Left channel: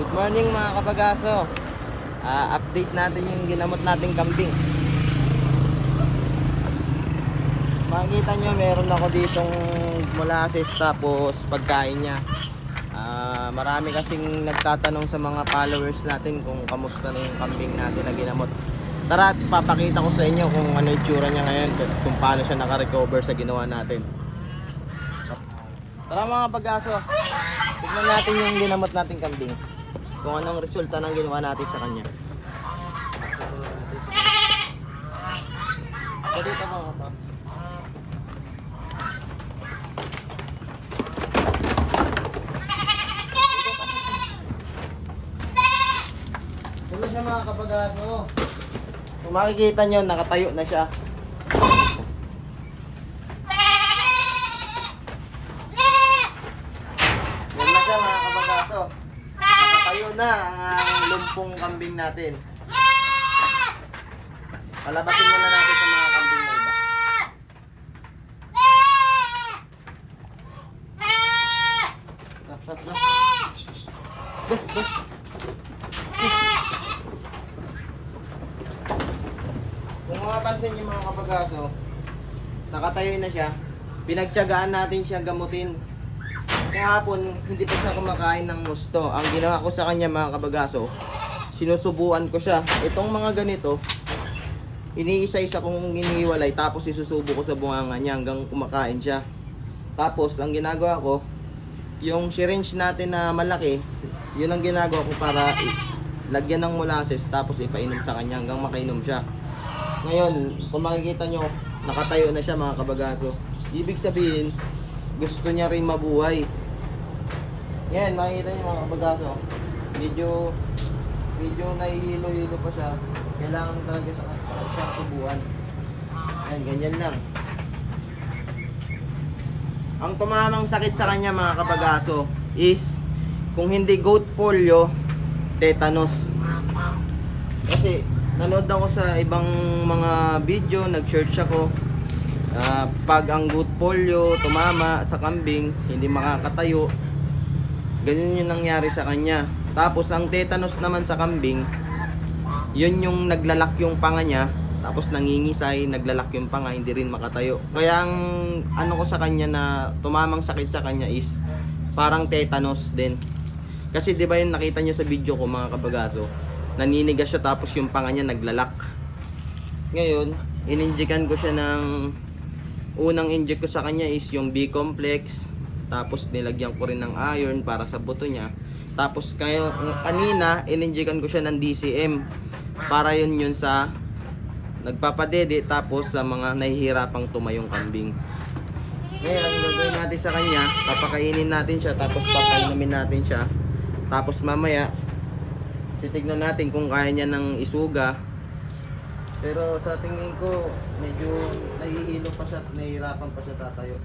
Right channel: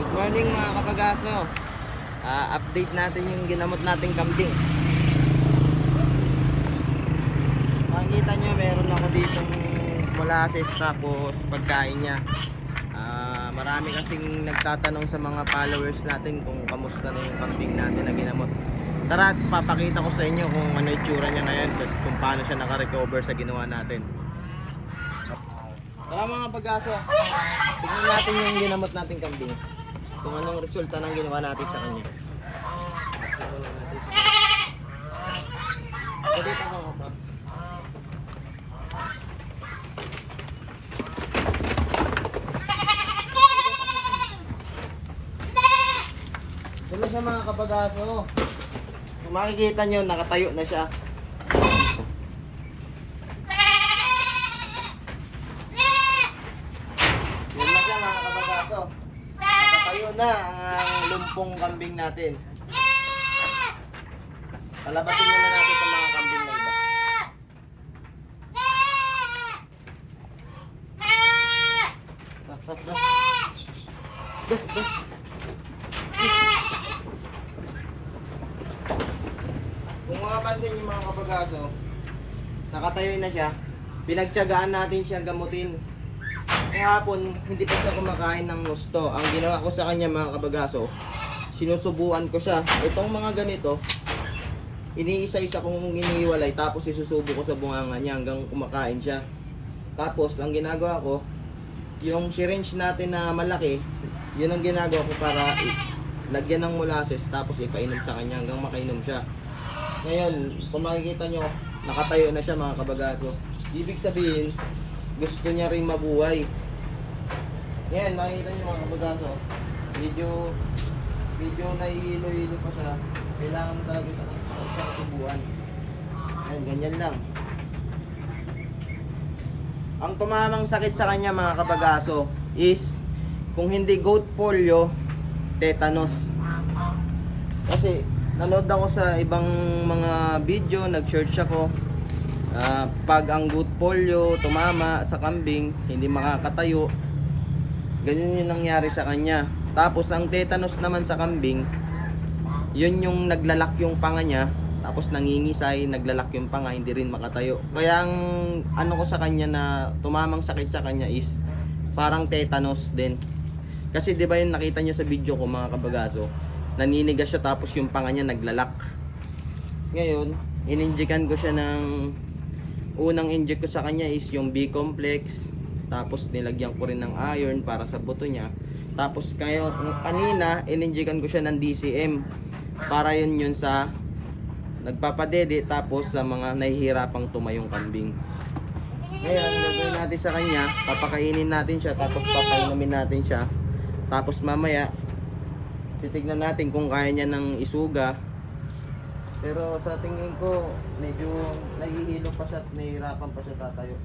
Good morning mga kapagaso. Ah, update natin yung ginamot nating kambing. Makikita nyo meron ako ditong molasses tapos pagkain niya. Ah, marami kasing nagtatanong sa mga followers natin kung kamusta na yung kambing natin na ginamot. Tara, at papakita ko sa inyo kung ano yung tsura niya ngayon, kung paano siya naka-recover sa ginawa natin. Tara mga pagaso, tignan natin yung ginamot nating kambing. Kung anong resulta ng ginawa natin sa kanya. Dito mo ka pa. Dito siya mga kapagaso. Kung makikita nyo, nakatayo na siya. Yan na siya mga. Nakatayo na ang lumpong kambing natin. Palabasin muna natin itong mga kambing na iba. Bas, bas, bas. Bas, bas. Kung mapapansin yung mga kabagaso, nakatayo na siya. Pinagtyagaan natin siya gamutin kahapon hindi pa siya kumakain ng gusto. Ang ginawa ko sa kanya mga kabagaso, sinusubuan ko siya. Itong mga ganito, iniisa-isa kong iniiwalay tapos isusubo ko sa bunganga niya hanggang kumakain siya. Tapos ang ginagawa ko, yung syringe natin na malaki, yun ang ginagawa ko para lagyan ng molasses tapos ipainom sa kanya hanggang makainom siya. Ngayon, kung makikita nyo, nakatayo na siya mga kabagaso. Ibig sabihin, gusto niya rin mabuhay. Yan, makikita niyo mga kabagaso. Medyo, medyo nahihilo-hilo pa siya. Kailangan talaga sa, sa siyang subuan. Yan, ganyan lang. Ang tumamang sakit sa kanya mga kabagaso is kung hindi goat polio, tetanus. Kasi nanood ako sa ibang mga video, nag-search ako. Ah, pag ang goat polio tumama sa kambing, hindi makakatayo. Ganyan yung nangyari sa kanya. Tapos ang tetanus naman sa kambing, yun yung naglalak yung panga niya, tapos nangingisay, naglalak yung panga, hindi rin makatayo. Kaya ang ano ko sa kanya na tumamang sakit sa kanya is parang tetanus din. Kasi 'di ba yung nakita niyo sa video ko mga kabagaso, naninigas siya tapos yung panga niya naglalak. Ngayon, ininjikan ko siya ng unang inject ko sa kanya is yung B-complex tapos nilagyan ko rin ng iron para sa buto niya. Tapos kayo kanina ininjikan ko siya ng DCM para yun yun sa nagpapadede tapos sa mga nahihirapang tumayong kambing. Ngayon, gagawin natin sa kanya, papakainin natin siya tapos papainumin natin siya. Tapos mamaya, titignan natin kung kaya niya ng isuga. Pero sa tingin ko, medyo nahihilo pa siya at nahihirapan pa siya tatayo.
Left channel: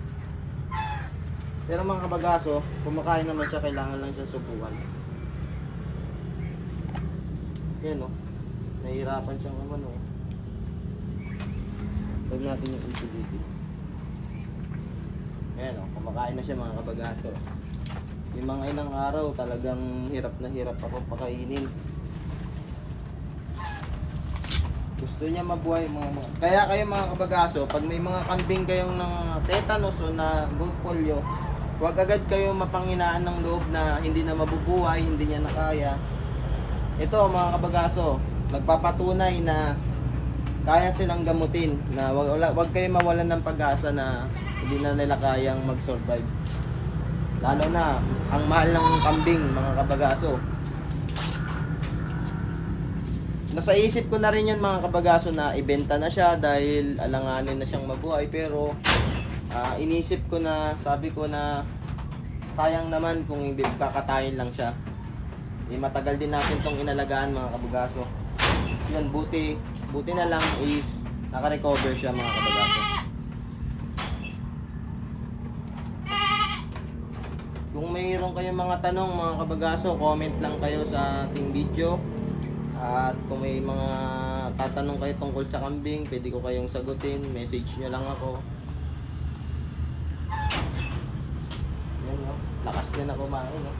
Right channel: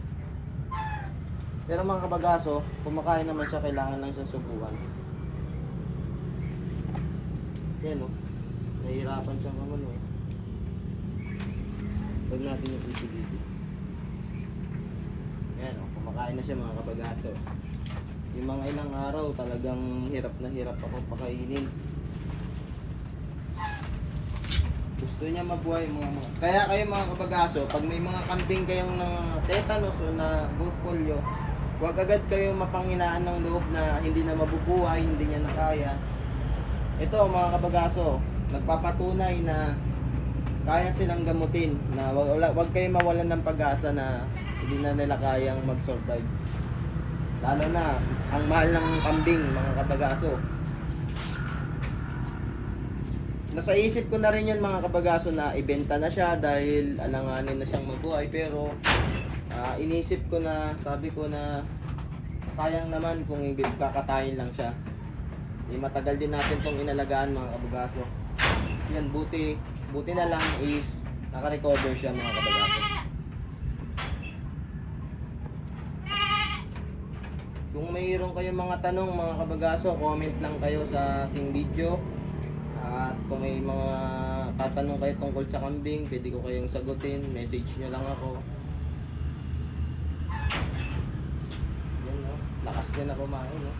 Pero mga kabagaso, kumakain naman siya, kailangan lang siya subukan. Yan o. Nahihirapan siya naman o. Huwag natin yung ito dito. Ayan o, kumakain na siya mga kabagaso. Yung mga ilang araw talagang hirap na hirap ako pakainin. Gusto niya mabuhay mga mga. Kaya kayo mga kabagaso, pag may mga kambing kayong na tetanus o na goat polio, huwag agad kayo mapanghinaan ng loob na hindi na mabubuhay, hindi niya nakaya. Ito mga kabagaso, nagpapatunay na kaya silang gamutin na wag, wag kayo mawalan ng pag-asa na hindi na nila kayang mag-survive. Lalo na ang mahal ng kambing mga kabagaso. Nasa isip ko na rin yun mga kabagaso na ibenta na siya dahil alanganin na siyang mabuhay pero ah, inisip ko na sabi ko na sayang naman kung kakatayin lang siya. Eh, matagal din natin tong inalagaan mga kabagaso. Yan buti buti na lang is naka-recover siya mga kabagaso. Kung mayroon kayong mga tanong mga kabagaso, comment lang kayo sa ating video. At kung may mga tatanong kayo tungkol sa kambing, pwede ko kayong sagutin. Message nyo lang ako. Yan no, lakas niya na kumain no.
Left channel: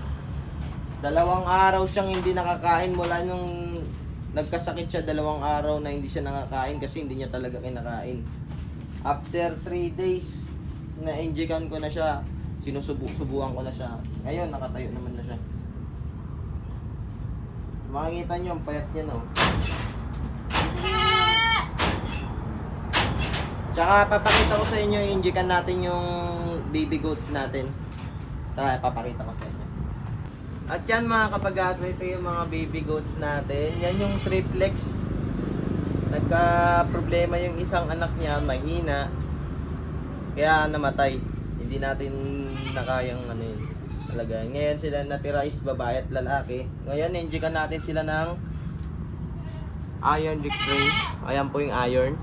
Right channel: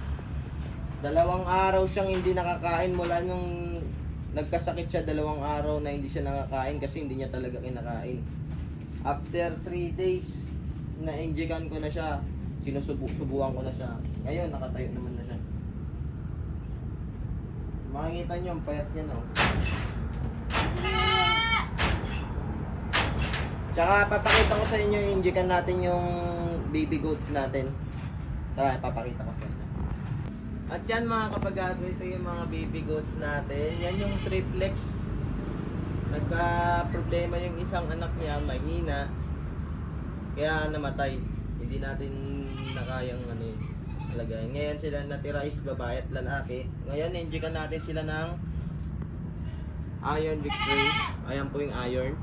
Dalawang araw siyang hindi nakakain mula nung nagkasakit siya dalawang araw na hindi siya nakakain kasi hindi niya talaga kinakain. After 3 days na injekan ko na siya, sinusubu-subuan ko na siya. Ngayon nakatayo naman na siya. Makikita niyo ang payat niya no. Tsaka papakita ko sa inyo, injekan natin yung baby goats natin. Tara, papakita ko sa inyo. At yan mga kapagaso, ito yung mga baby goats natin. Yan yung triplex. Nagka problema yung isang anak niya, mahina. Kaya namatay. Hindi natin nakayang ano yun. Talaga. Ngayon sila natira is babae at lalaki. Ngayon, injikan natin sila ng iron decree. Ayan po yung iron.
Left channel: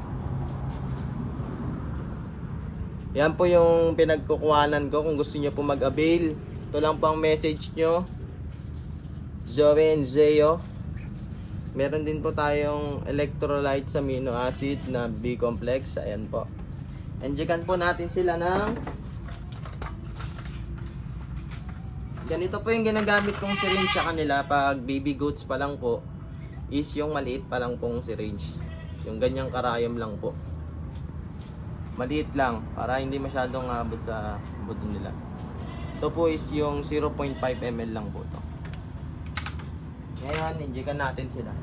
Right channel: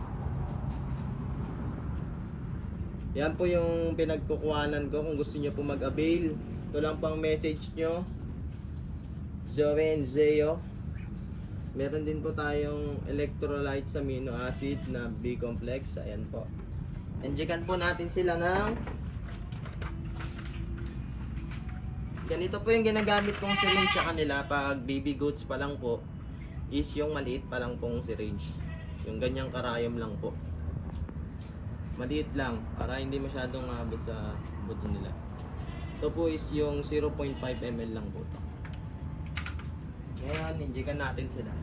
Yan po yung pinagkukuhanan ko kung gusto niyo po mag-avail. Ito lang po ang message nyo. Zoe and Zeo. Meron din po tayong electrolytes amino acid na B-complex. Ayan po. Injekan po natin sila ng Ganito po yung ginagamit kong syringe sa kanila pag baby goats pa lang po is yung maliit pa lang pong syringe. Yung ganyang karayom lang po. Maliit lang para hindi masyadong abot sa buto nila. Ito po is yung 0.5 ml lang po to. Ngayon, injekan natin sila.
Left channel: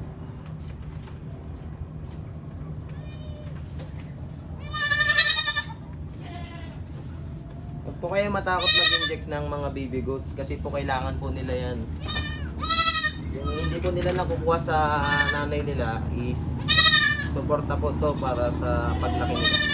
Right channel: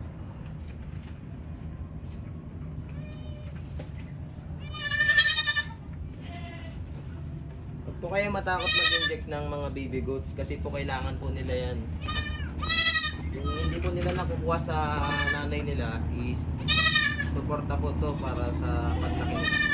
Huwag po kayo matakot mag-inject ng mga baby goats kasi po kailangan po nila yan. Yung hindi po nila nakukuha sa nanay nila is suporta po to para sa paglaki nila.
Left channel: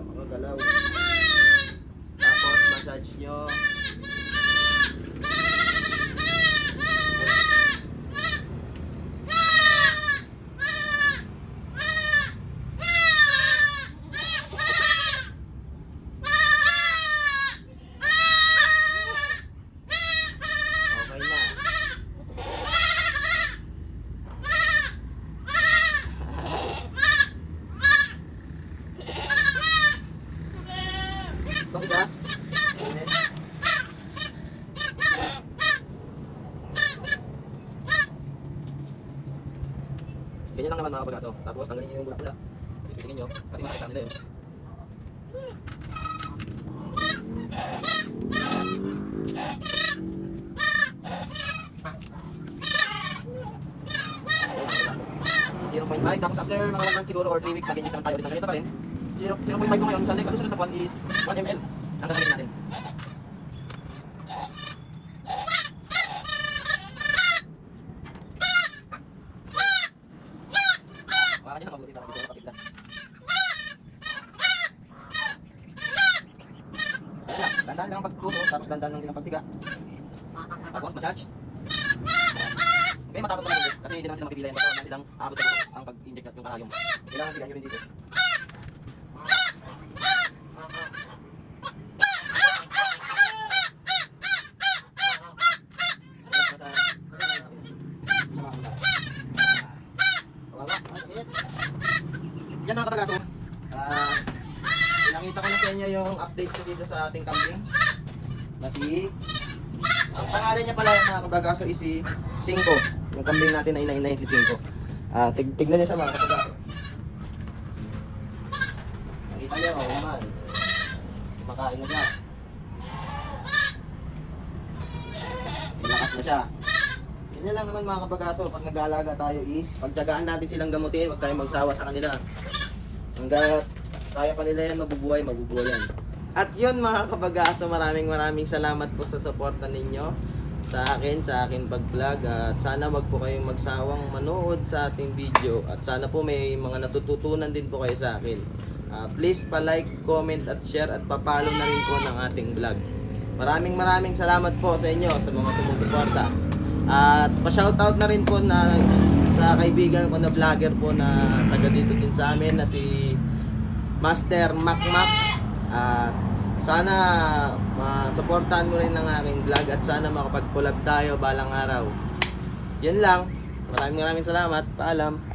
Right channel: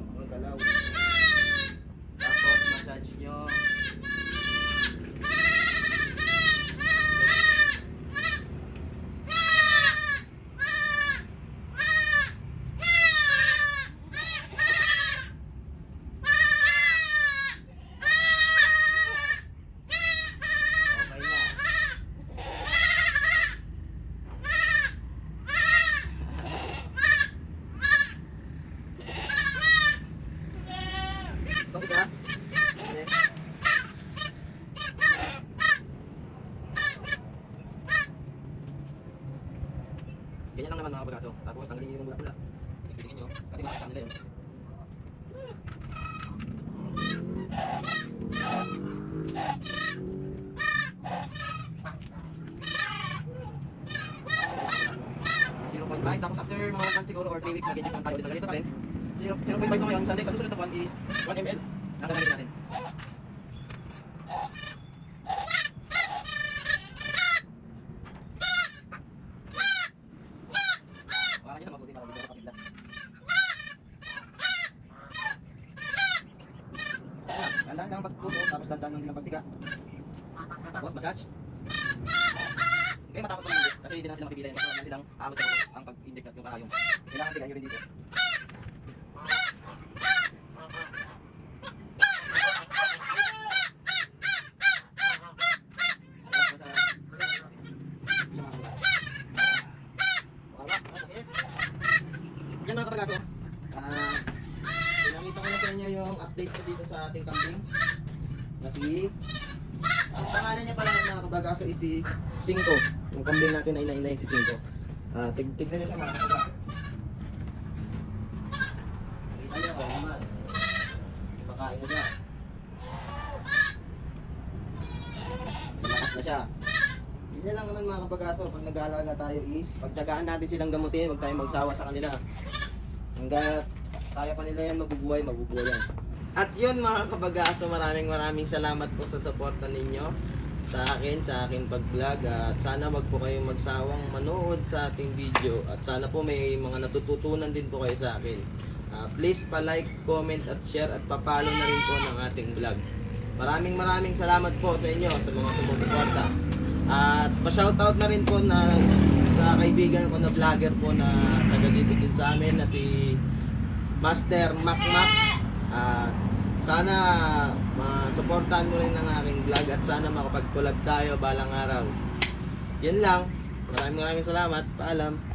Siya para hindi siya makagalaw. Tapos massage nyo. Okay na. Ito ba? Ganyan lang naman mga kapagaso. Tapos tanggalin yung bulak nila. Titigin nyo. Kasi makakita nila yun. Five. Tapos after mga 1 month siguro or 3 weeks, mag-inject lang tayo ulit ng ganito pa rin. Zero- 0.5 mo ngayon. Sa next, ang susunod na buwan is 1 ml. Nagagamitin natin. Hawakan nyo lang mabuti para dito makapigla. Ito lang, dandan lang pagtuto, tapos dandan lang din ang pagtiga. Tapos massage. Okay, matapos dito. Kasi hindi naman sila mapipilayan. Basta naman silang aabot sa ang pag-inject yung karayom. Kailangan tigaan nyo rin dito. Yan mga kapagaso. Ah, pinakita ko na sa inyo yung update ko dito sa ating kambing. Na si ang pangalan niya pala mga kapagaso is si Cinco. Yung kambing natin na inainayin si Cinco. Ah, tig tignan niyo siya mga kapagaso. Nakita niyo, oh, naman. Kumakain na siya. Lakas na siya. Ganyan lang naman mga kapagaso, pag nag-aalaga tayo is, pagtyagaan natin silang gamutin, huwag tayong magsawa sa kanila. Hanggat kaya pa nila yan mabubuhay, mabubuhay yan. At yun mga kabagaso, maraming maraming salamat po sa suporta ninyo sa akin, sa akin pag-vlog at sana wag po kayong magsawang manood sa ating video at sana po may mga natututunan din po kayo sa akin. Ah, please pa-like, comment at share at pa-follow na rin po ng ating vlog. Maraming maraming salamat po sa inyo sa mga sumusuporta. At pa-shoutout na rin po na sa kaibigan ko na vlogger po na taga dito din sa amin na si Master Mac Mac. At sana masuportahan mo rin ng aking vlog at sana makapag-collab tayo balang araw. Yan lang. Maraming maraming salamat. Paalam.